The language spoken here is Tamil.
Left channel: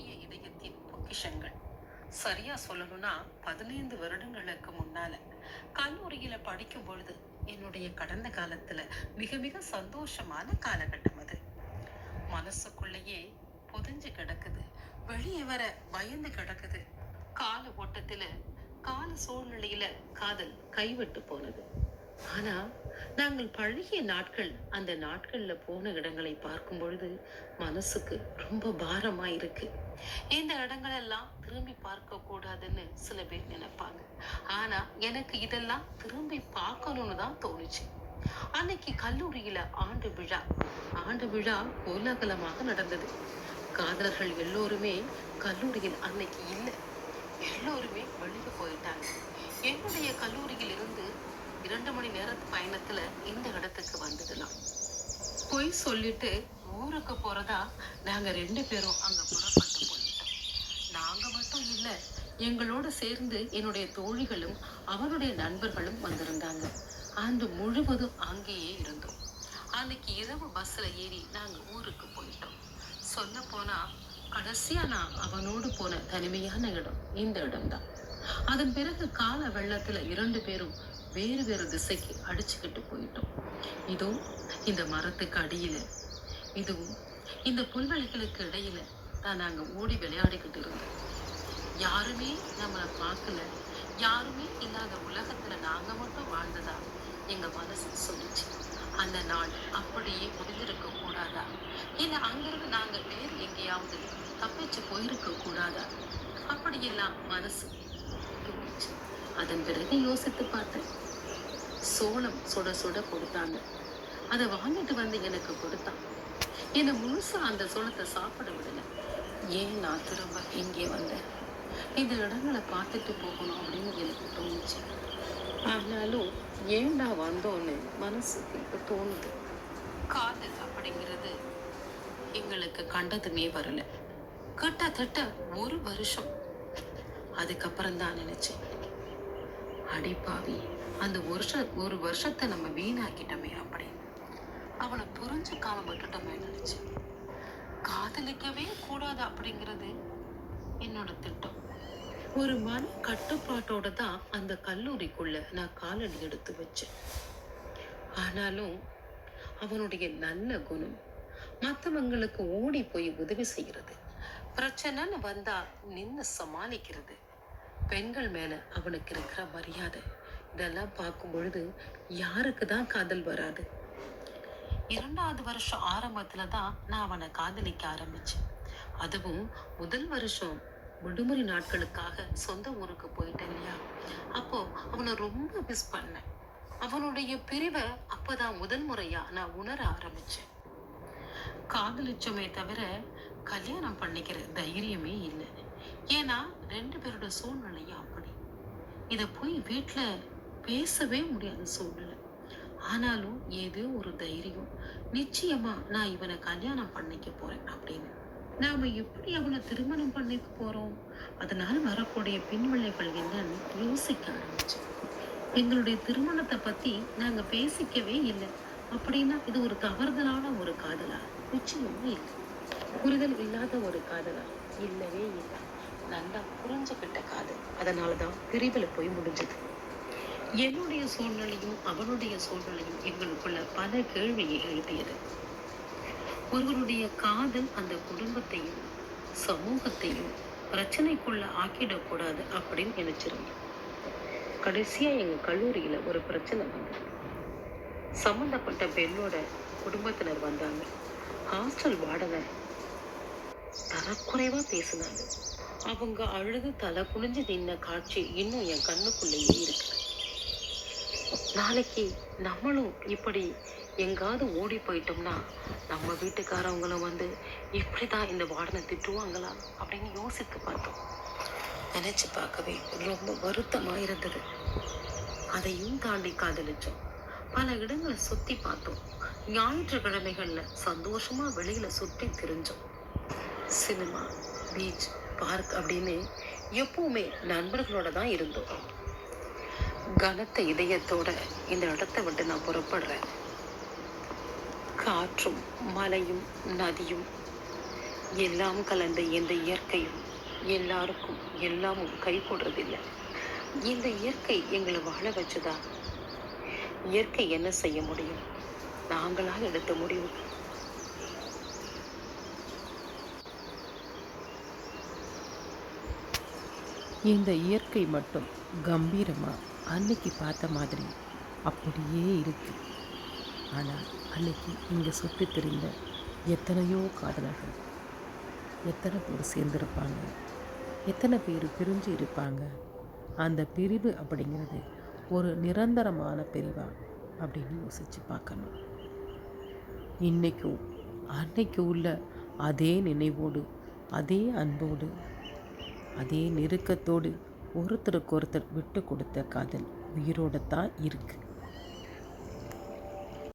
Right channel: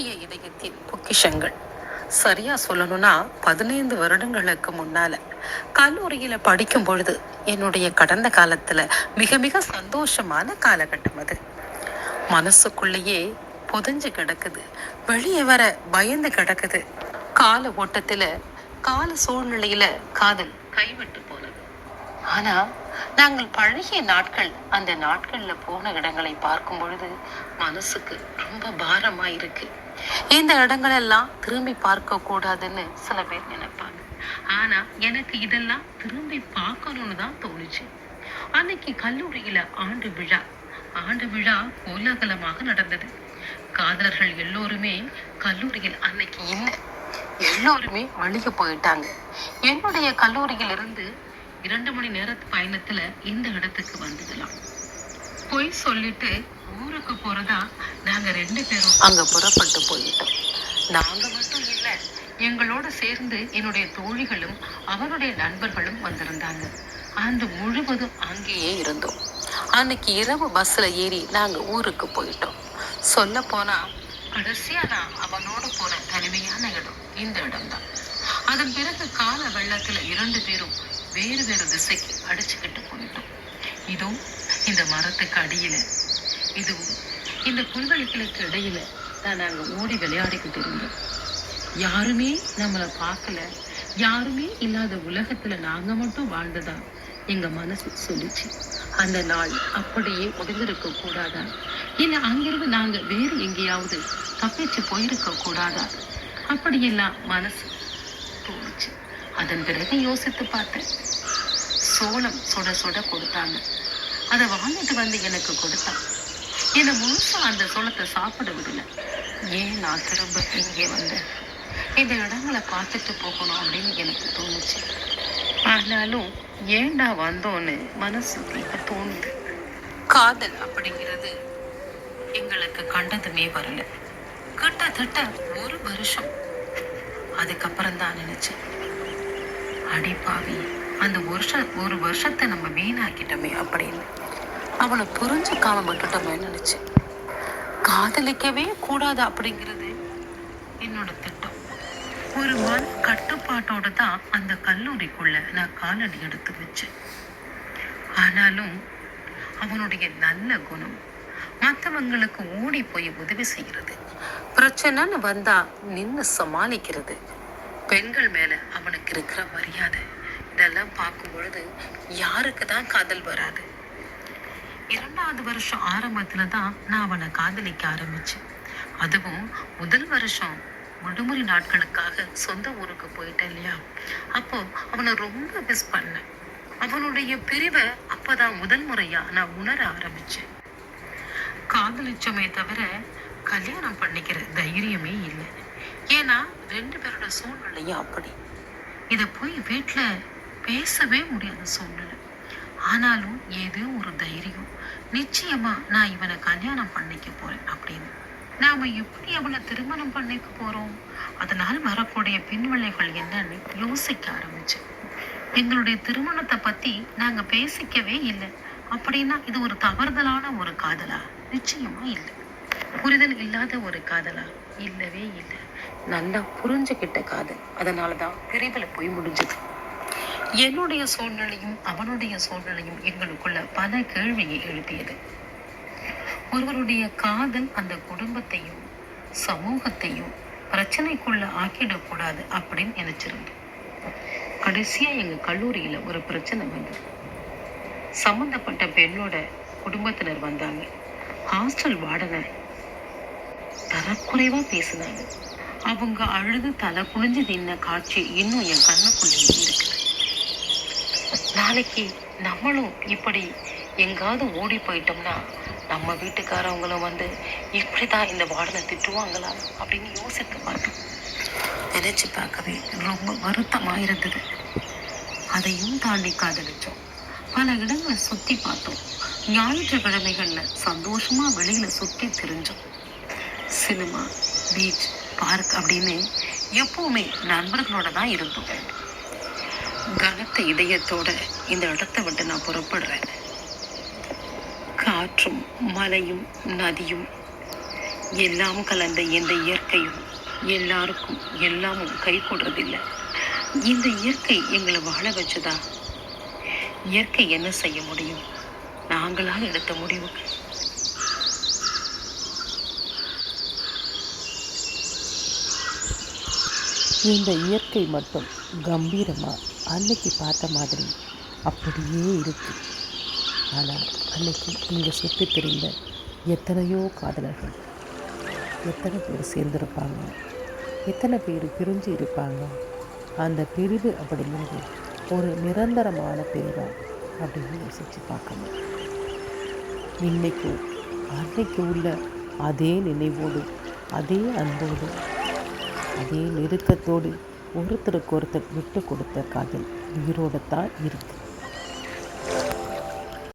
என்னுடைய இதயத்தின் பொக்கிஷங்கள். சரியா சொல்லணும்னா பதினைந்து வருடங்களுக்கு முன்னால கல்லூரியில படிக்கும் பொழுது என்னுடைய கடந்த காலத்துல மிக மிக சந்தோஷமான காலகட்டம் அது. மனசுக்குள்ளேயே புதஞ்சு கிடக்குது. வெளியே வர பயந்து கிடக்குது. கால ஓட்டத்துல கால சூழ்நிலையில காதல் கைவிட்டு போனது. ஆனா நாங்கள் பழகிய நாட்கள் அந்த நாட்கள்ல போன இடங்களை பார்க்கும் பொழுது மனசுக்கு ரொம்ப பாரமா இருக்கு இந்த இடங்களெல்லாம் திரும்பி பார்க்க கூடாதுன்னு சில பேர் நினைப்பாங்க. ஆனா எனக்கு இதெல்லாம் திரும்பி பார்க்கணும்னு தான் தோணுச்சு. அன்னைக்கு கல்லூரியில ஆண்டு விழா. ஆண்டு விழா கோலாகலமாக நடந்தது. காதலர்கள் எல்லோருமே கல்லூரியில் அன்னைக்கு இல்லை. எல்லோருமே வெளியே போயிட்டாங்க. என்னுடைய கல்லூரியில் இருந்து இரண்டு மணி நேரத்து பயணத்துல இந்த இடத்துக்கு வந்துடலாம் போய் சொல்லிட்டு ஊருக்கு போறதா நாங்க ரெண்டு பேரும் அங்க புறப்பட்டு போயிட்டோம். நாங்க மட்டும் இல்ல எங்களோட சேர்ந்து என்னுடைய தோழிகளும் அவருடைய நண்பர்களும் வந்திருந்தாங்க. ஆண்டு முழுவதும் அங்கேயே இருந்தோம். அன்னைக்கு இரவு பஸ்ல ஏறி நாங்க ஊருக்கு போயிட்டோம். சொல்ல போனா கடைசியா நான் அவனோடு போன தனிமையான இடம் இந்த இடம்தான். அதன் பிறகு கால வெள்ளத்துல இரண்டு பேரும் வேறு வேறு திசைக்கு அடிச்சுக்கிட்டு போயிட்டோம். இதோ இந்த மரத்துக்கு அடியில இதுவும். இந்த புல்வெளிகளுக்கு இடையில நான் நாங்க ஓடி விளையாடிக்கிட்டு இருந்தோம். யாருமே நம்மளை பார்க்கல. யாருமே இல்லாத உலகத்துல நாங்க மட்டும் வாழ்ந்ததா எங்க மனசு சொல்லிச்சு. அந்த நாள் அப்படியே முடிந்திருக்க கூடாதா? இல்ல அங்கிருந்து நாங்க வேறு எங்கேயாவது தப்பிச்சு போயிருக்க கூடாதா? அப்படியெல்லாம் மனசு போச்சு அதன் பிறகு யோசித்து பார்த்தேன். சோளம் சுட சுட கொடுத்தாங்க. அதை வாங்கிட்டு வந்து எனக்கு கொடுத்தான் என்னை முழுசா அந்த சோளத்தை சாப்பிட விடல ஏன் நான் திரும்ப இங்கே வந்தேன்? இந்த இடங்களை பார்த்துட்டு போகணும் அப்படின்னு எனக்கு தோணுச்சு. ஆனாலும் ஏன்டா வந்தோன்னு மனசு இப்ப தோணுது. காதல் அப்படிங்கிறது எங்களுக்கு கண்டதுமே வரல. கிட்டத்தட்ட ஒரு வருஷம். அதுக்கப்புறம் தான் நினைச்சேன். அடிப்பாவி அந்த வருஷ ஒரு வருஷத்தை நம்ம வீணாக்கிட்டோமே அப்படின்னு. அவனை புரிஞ்சுக்காம விட்டுட்டோமே நினைச்சேன்? காதலிக்கவே கூடாது அப்படிங்கிறது என்னோட திட்டம். ஒரு மன கட்டுப்பாட்டோட தான் அந்த கல்லூரிக்குள்ள நான் காலடி எடுத்து வச்சேன். ஆனாலும் அவனுடைய நல்ல குணம் மற்றவங்களுக்கு ஓடி போய் உதவி செய்கிறது. பிரச்சனைன்னு வந்தா நின்று சமாளிக்கிறது. பெண்கள் மேல அவனுக்கு இருக்கிற மரியாதை இதெல்லாம் பார்க்கும் பொழுது யாருக்கு தான் காதல் வராது? இரண்டாவது வருஷம் ஆரம்பத்துல தான் நான் அவனை காதலிக்க ஆரம்பிச்சேன். அதுவும் முதல் வருஷம் விடுமுறை நாட்களுக்காக சொந்த ஊருக்கு போயிட்டேன் இல்லையா? அப்போ அவனை ரொம்ப மிஸ் பண்ணேன். அவனுடைய பிரிவை அப்பதான் முதல் முறையா நான் உணர ஆரம்பிச்சேன். காதலிச்சோமே தவிர கல்யாணம் பண்ணிக்கிற தைரியமே இல்லை. ஏன்னா ரெண்டு பேரோட சூழ்நிலையும் அப்படி. இதை போய் வீட்டில் பேசவே முடியாத சூழ்நிலை. ஆனாலும் ஏதோ ஒரு தைரியம் நிச்சயமா நான் இவனை கல்யாணம் பண்ணிக்க போறேன் அப்படின்னு. நாம எப்படி அவனை திருமணம் பண்ணிக்க போறோம்? அதனால் வரக்கூடிய பின்விளைவுகள் என்னன்னு யோசிக்க ஆரம்பிச்சேன். எங்களுடைய திருமணத்தை பத்தி நாங்க பேசிக்கவே இல்லை. அப்படின்னா இது ஒரு தவறுதலான ஒரு காதலா? நிச்சயமா இல்லை. புரிதல் இல்லாத ஒரு காதலா? இல்லவே இல்லை. நல்லா புரிஞ்சுக்கிட்ட காதல். அதனாலதான் பிரிவில் போய் முடிஞ்சது. என்னுடைய சூழ்நிலையும் அவனுடைய சூழ்நிலையும் எங்களுக்குள்ள பல கேள்வியை எழுப்பியது. ஒருவருடைய காதல் அந்த குடும்பத்தையும் சமூகத்தையும் பிரச்சனைக்குள்ள ஆக்கிடக்கூடாது அப்படின்னு நினைச்சிருந்தோம் கடைசியா எங்க கல்லூரியில ஒரு பிரச்சனை வந்தது. சம்மந்தப்பட்ட பெண்ணோட குடும்பத்தினர் வந்தாங்க. ஹாஸ்டல் வாடகை தரக்குறைவா பேசினாங்க. அவங்க அழுது தலை குனிஞ்சு நின்ன காட்சி இன்னும் என் கண்ணுக்குள்ளேயே இருக்கு. நாளைக்கு நம்மளும் இப்படி எங்காவது ஓடி போயிட்டோம்னா நம்ம வீட்டுக்காரவங்களும் வந்து இப்படிதான் இந்த வார்டனை திட்டுவாங்களா அப்படின்னு யோசித்து பார்த்தோம் நினச்சி பார்க்கவே ரொம்ப வருத்தமாக இருந்தது அதையும் தாண்டி காதலிச்சோம். பல இடங்களை சுற்றி பார்த்தோம். ஞாயிற்றுக்கிழமைகளில் சந்தோஷமாக வெளியில் சுற்றி திரிஞ்சோம். சினிமா பீச் பார்க் அப்படின்னு எப்போவுமே நண்பர்களோட தான் இருந்தோம். கனத்த இதயத்தோட இந்த இடத்தை விட்டு நான் புறப்படுறேன். காற்றும் மலையும் நதியும் எல்லாம் கலந்த இந்த இயற்கையும் எல்லாருக்கும் எல்லாமும் கை கொடுறதில்லை. இந்த இயற்கை எங்களை வாழ வச்சதா? இயற்கை என்ன செய்ய முடியும்? நாங்களாக எடுத்த முடிவுக்கு இந்த இயற்கை மட்டும் கம்பீரமாக அன்னைக்கு பார்த்த மாதிரி அப்படியே இருக்கு. ஆனால் அன்னைக்கு இங்கே சுற்றி தெரிந்த எத்தனையோ காதலர்கள் எத்தனை பேர் சேர்ந்திருப்பாங்க எத்தனை பேர் பிரிஞ்சு இருப்பாங்க அந்த பிரிவு அப்படிங்கிறது ஒரு நிரந்தரமான பிரிவா அப்படின்னு யோசித்து பார்க்கணும். இன்னைக்கும் அன்னைக்கு உள்ள அதே நினைவோடு அதே அன்போடு அதே நெருக்கத்தோடு ஒருத்தருக்கு ஒருத்தர் விட்டு கொடுத்த காதல் உயிரோடு தான் இருக்குது